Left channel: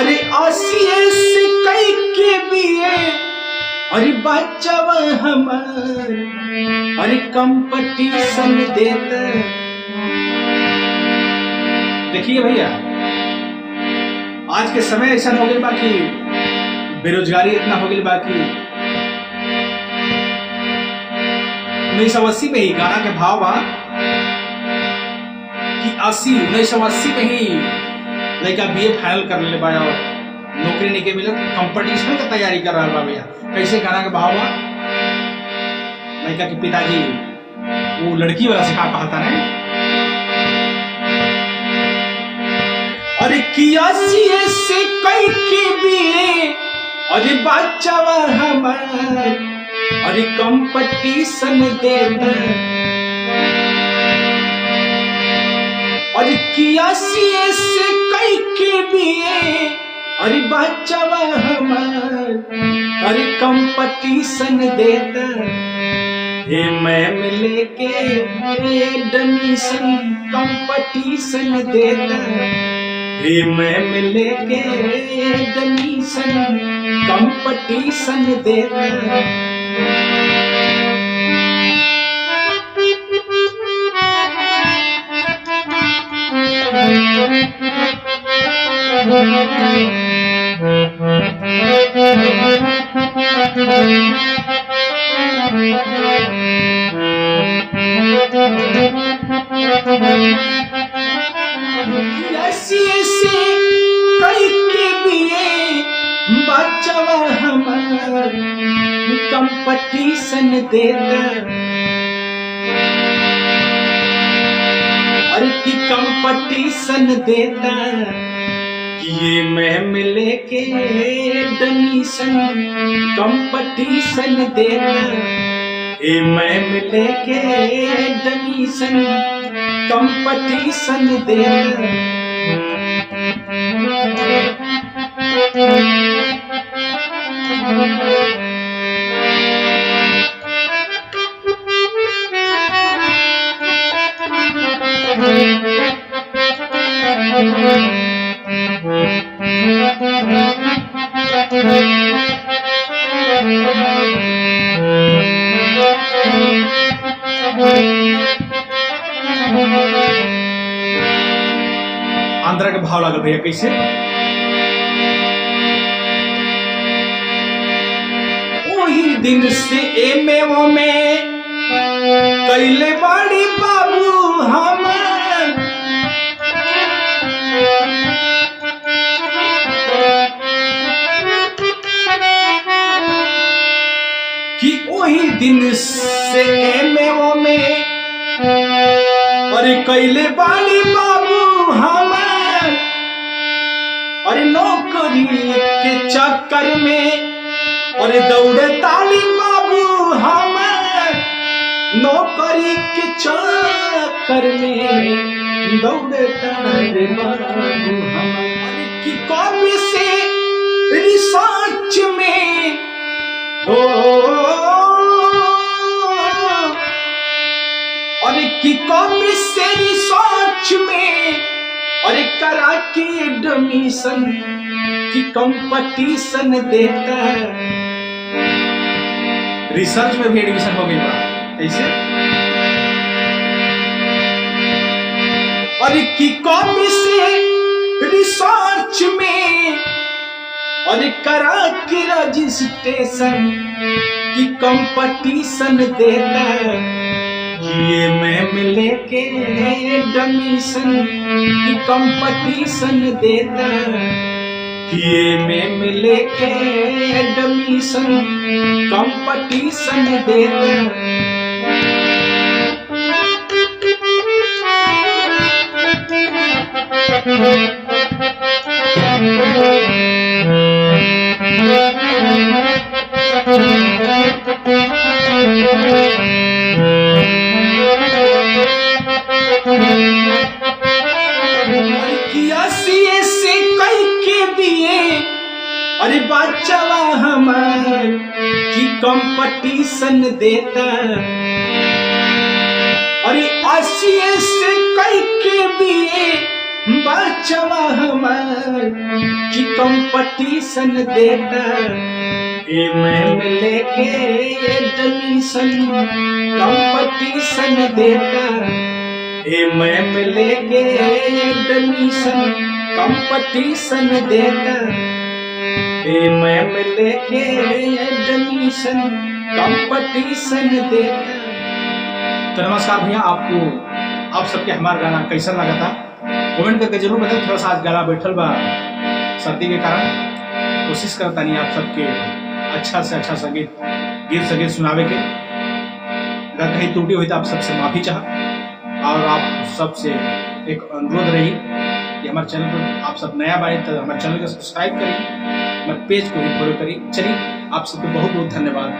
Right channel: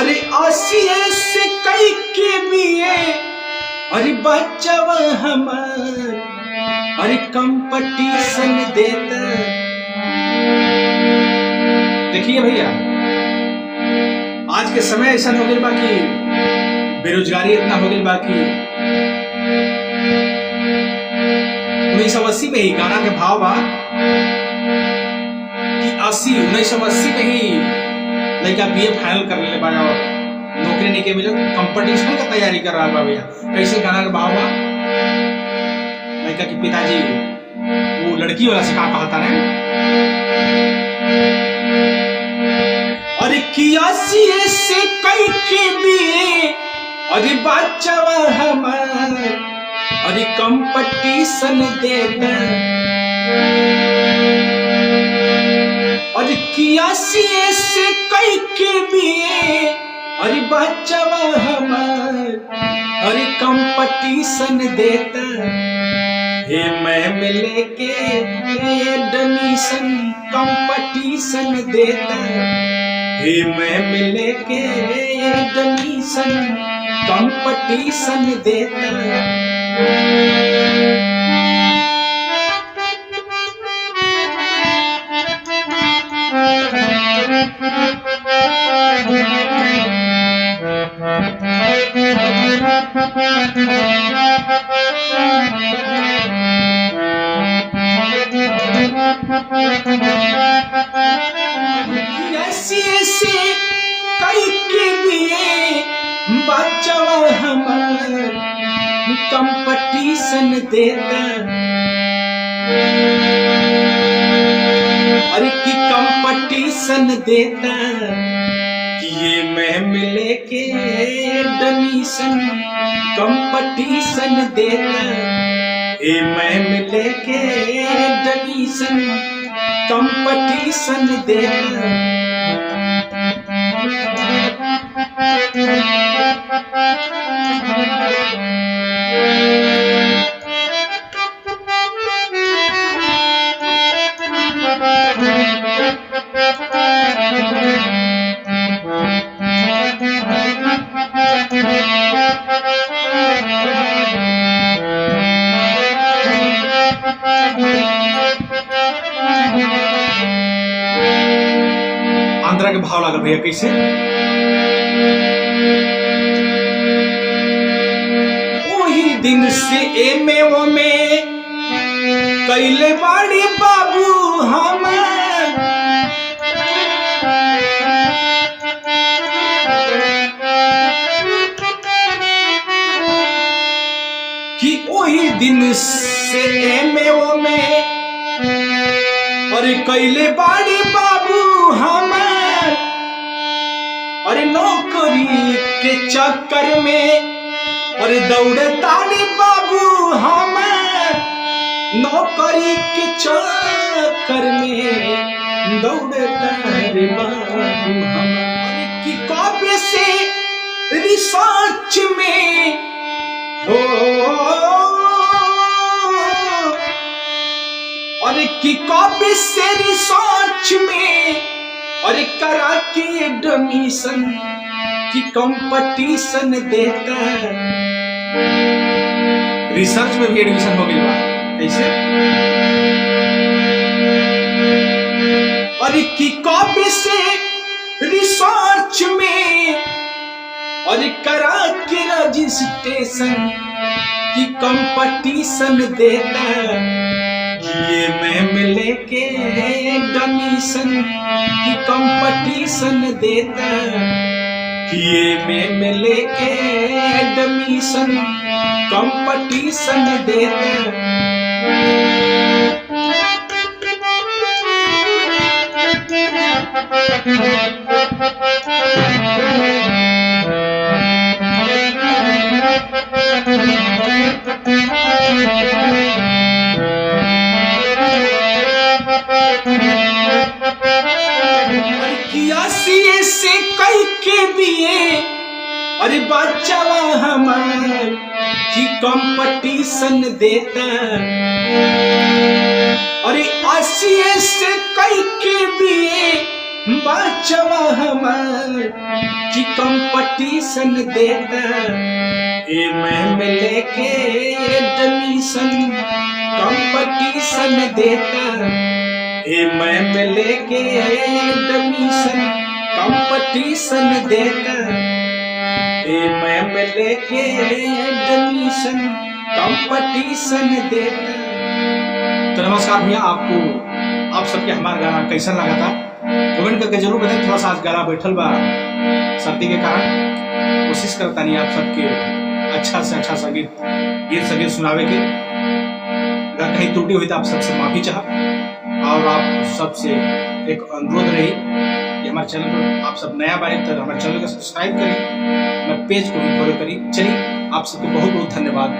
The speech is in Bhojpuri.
अरे आसिए से कई के बिए अरे बच्चवा हमार अरे कंपटीशन देता। देखिए भैया, आज के समय ऐसा हो गया बाकी बेरोजगारी इतना हो गया बाकी 1980 में ही गाना के भाव बा कि 1980 में ही लड़का बीए फाइनल कर ले बा और नौकरी नहीं के मिले, कंपटीशन का तैयारी कर रहा बा भैया। कैसे गाना के भाव बा, लड़का के पिताजी वो लड़की वाला सिखा कहता है अरे कियासी से कई के बिए अरे बच्चवा हमार अरे कंपटीशन देता। अरे कियासी से कई के बिए अरे बच्चवा हमार अरे कंपटीशन देता। हे मैम लेके एडमिशन कंपटीशन देता। हे मैम लेके एडमिशन कंपटीशन देता। ऐसे कई के बिए बच्चवा हमार कंपटीशन देता। अरे की कंपटीशन देता कि ये मैम लेके एडमिशन कंपटीशन देता। ये मैम लेके एडमिशन कंपटीशन देता। आंध्रा के भाव लागल भैया कैसे, वही दिन से एमे वो में कैले बाड़ी बाबू हम कि वही दिन से एमे वो में अरे कैले बाड़ी बाबू हम अरे नौकरी के चक्कर में अरे दौड़े ताली बाबू हम नौकरी के चक्कर में दौड़े ताली बाबू हम। कि कॉपी से रिसर्च में हो अरे की कॉपी से रिसर्च में अरे करा के एडमिशन की कंपटीशन देता। रिसर्च में भी एडमिशन हो गया कैसे, अरे की कॉपी से रिसर्च में अरे करा के रजिस्ट्रेशन की कंपटीशन देता। ये मैम लेके एडमिशन की कंपटीशन देता। ये मैम लेके एडमिशन कंपटीशन देता। से कई के बिए अरे बच्चवा हमार की कंपटीशन देता। अरे 80 से कई के बिए बच्चवा हमार की कंपटीशन देता में लेके एडमिशन कंपटीशन देता में लेके एडमिशन कंपटीशन देता में लेके एडमिशन कंपटीशन देता। तो नमस्कार भैया, आप सबके हमारा गाना कैसा लगा था कमेंट करके जरूर बताएं। थोड़ा सा आज गला बैठल बा सर्दी के कारण, कोशिश करता नहीं आप सबके अच्छा से अच्छा गीत सुनावे के। अगर कहीं त्रुटि हुई तो आप सबसे माफी चाह, और आप सबसे एक अनुरोध रही कि हमारे चैनल पर आप सब नया बारे तो हमारे चैनल को सब्सक्राइब करें, हमारे पेज को भी फॉलो करें। चलिए, आप सबको बहुत बहुत धन्यवाद।